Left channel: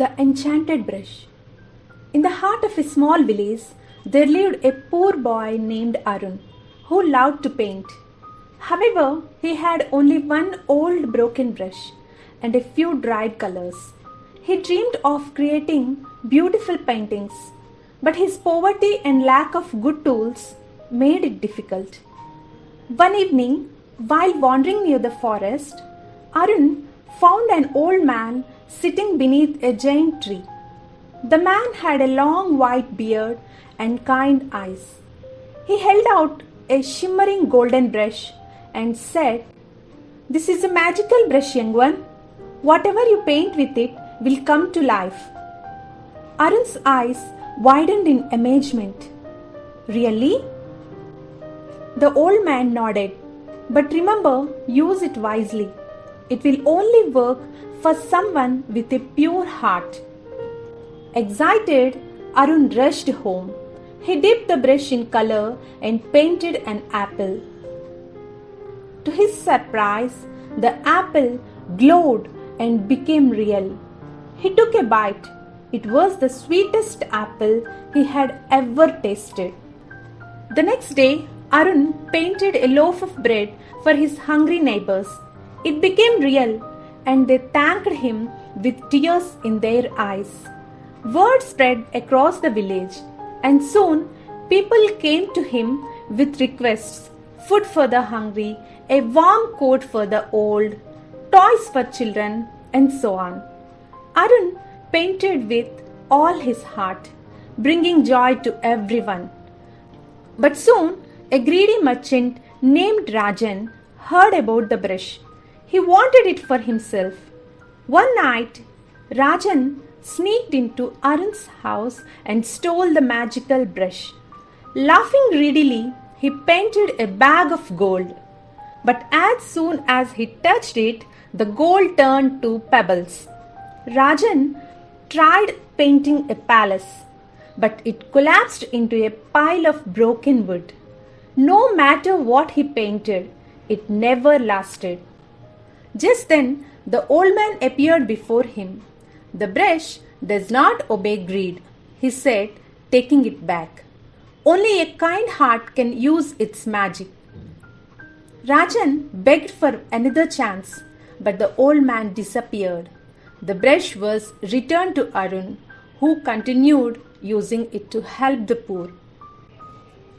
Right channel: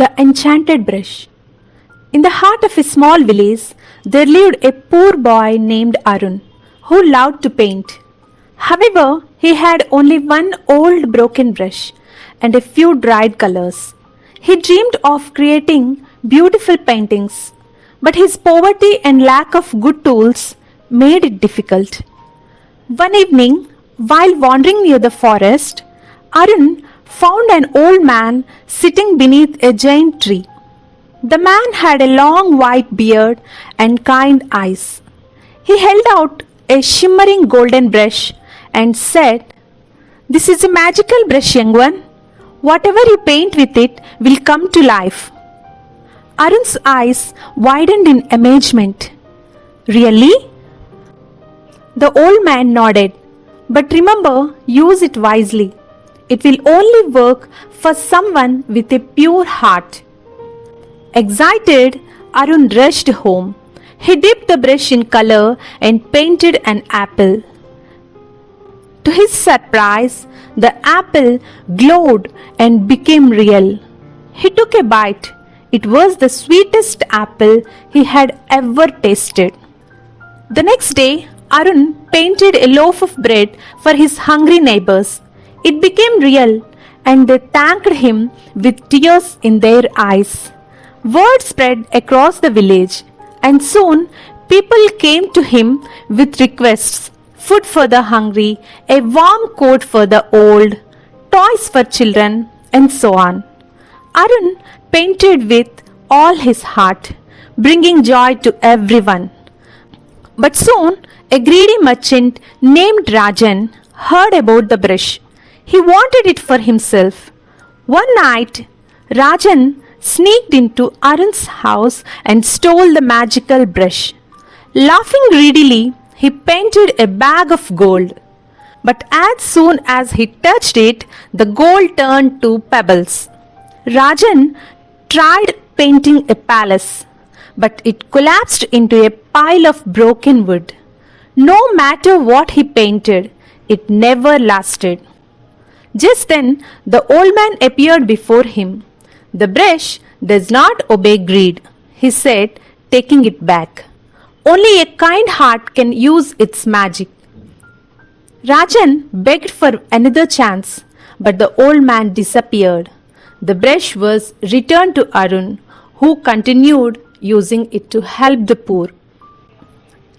The Enchanted Brush. In the heart of a small village, there lived a poor boy named Arun, who loved to paint. However, he had only one old broken brush and a few dried colors. He dreamed of creating beautiful paintings, but his poverty and lack of good tools made it difficult. One evening, while wandering near the forest, Arun found an old man sitting beneath a giant tree. The man had a long white beard and kind eyes. He held out a shimmering golden brush and said, "This is a magical brush, young one. Whatever you paint with it will come to life." Arun's eyes widened in amazement. "Really?" The old man nodded. "But remember, use it wisely. It will only work for someone with a pure heart." Excited, Arun rushed home. He dipped the brush in color and painted an apple. To his surprise, the apple glowed and became real. He took a bite. It was the sweetest apple he had ever tasted. The next day, Arun painted a loaf of bread for his hungry neighbors. It became real, and they thanked him with tears in their eyes. Word spread across the village, and soon people came to him with requests: food for the hungry, a warm coat for the old, toys for children, and so on. Arun painted with all his heart, bringing joy to everyone. But soon, a greedy merchant named Rajan heard about the brush. He wanted it for himself. One night, Rajan sneaked into Arun's house and stole the magical brush. Laughing greedily, he painted a bag of gold. But as soon as he touched it, the gold turned to pebbles. Rajan tried painting a palace, but it collapsed into a pile of broken wood. No matter what he painted, it never lasted. Just then, the old man appeared before him. "The brush does not obey greed," he said, taking it back. "Only a kind heart can use its magic." Rajan begged for another chance, but the old man disappeared. The brush was returned to Arun, who continued using it to help the poor.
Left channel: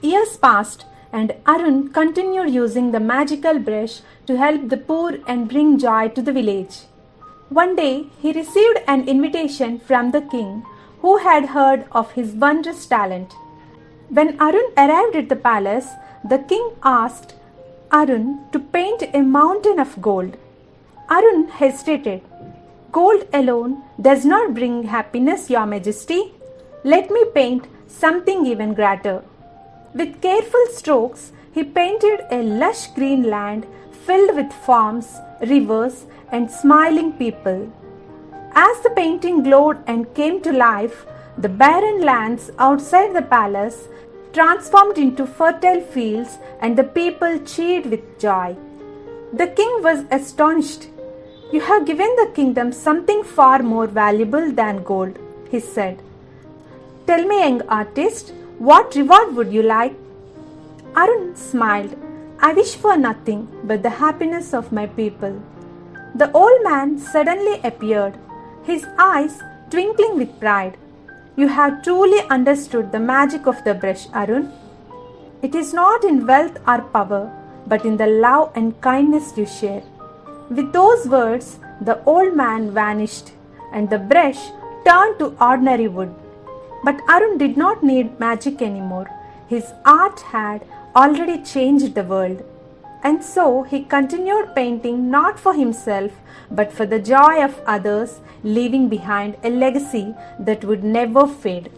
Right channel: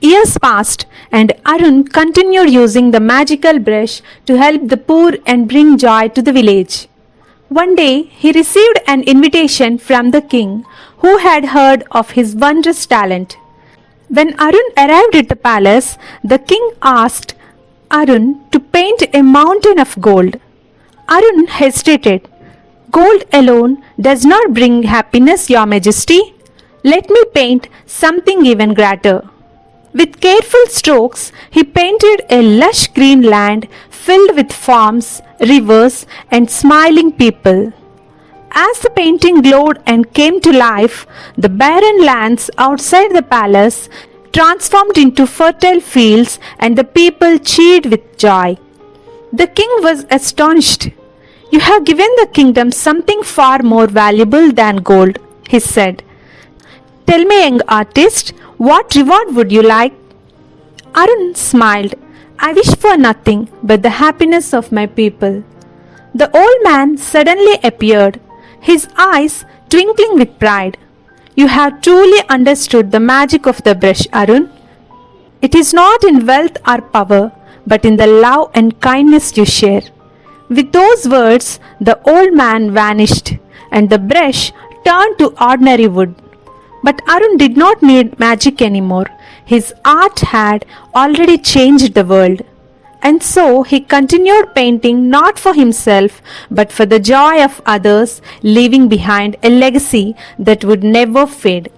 Years passed, and Arun continued using the magical brush to help the poor and bring joy to the village. One day, he received an invitation from the king, who had heard of his wondrous talent. When Arun arrived at the palace, the king asked Arun to paint a mountain of gold. Arun hesitated. "Gold alone does not bring happiness, Your Majesty. Let me paint something even greater." With careful strokes, he painted a lush green land filled with farms, rivers, and smiling people. As the painting glowed and came to life, the barren lands outside the palace transformed into fertile fields, and the people cheered with joy. The king was astonished. "You have given the kingdom something far more valuable than gold," he said. "Tell me, young artist, what reward would you like?" Arun smiled. "I wish for nothing but the happiness of my people." The old man suddenly appeared, his eyes twinkling with pride. "You have truly understood the magic of the brush, Arun. It is not in wealth or power, but in the love and kindness you share." With those words, the old man vanished, and the brush turned to ordinary wood. But Arun did not need magic anymore. His art had already changed the world. And so he continued painting not for himself, but for the joy of others, leaving behind a legacy that would never fade.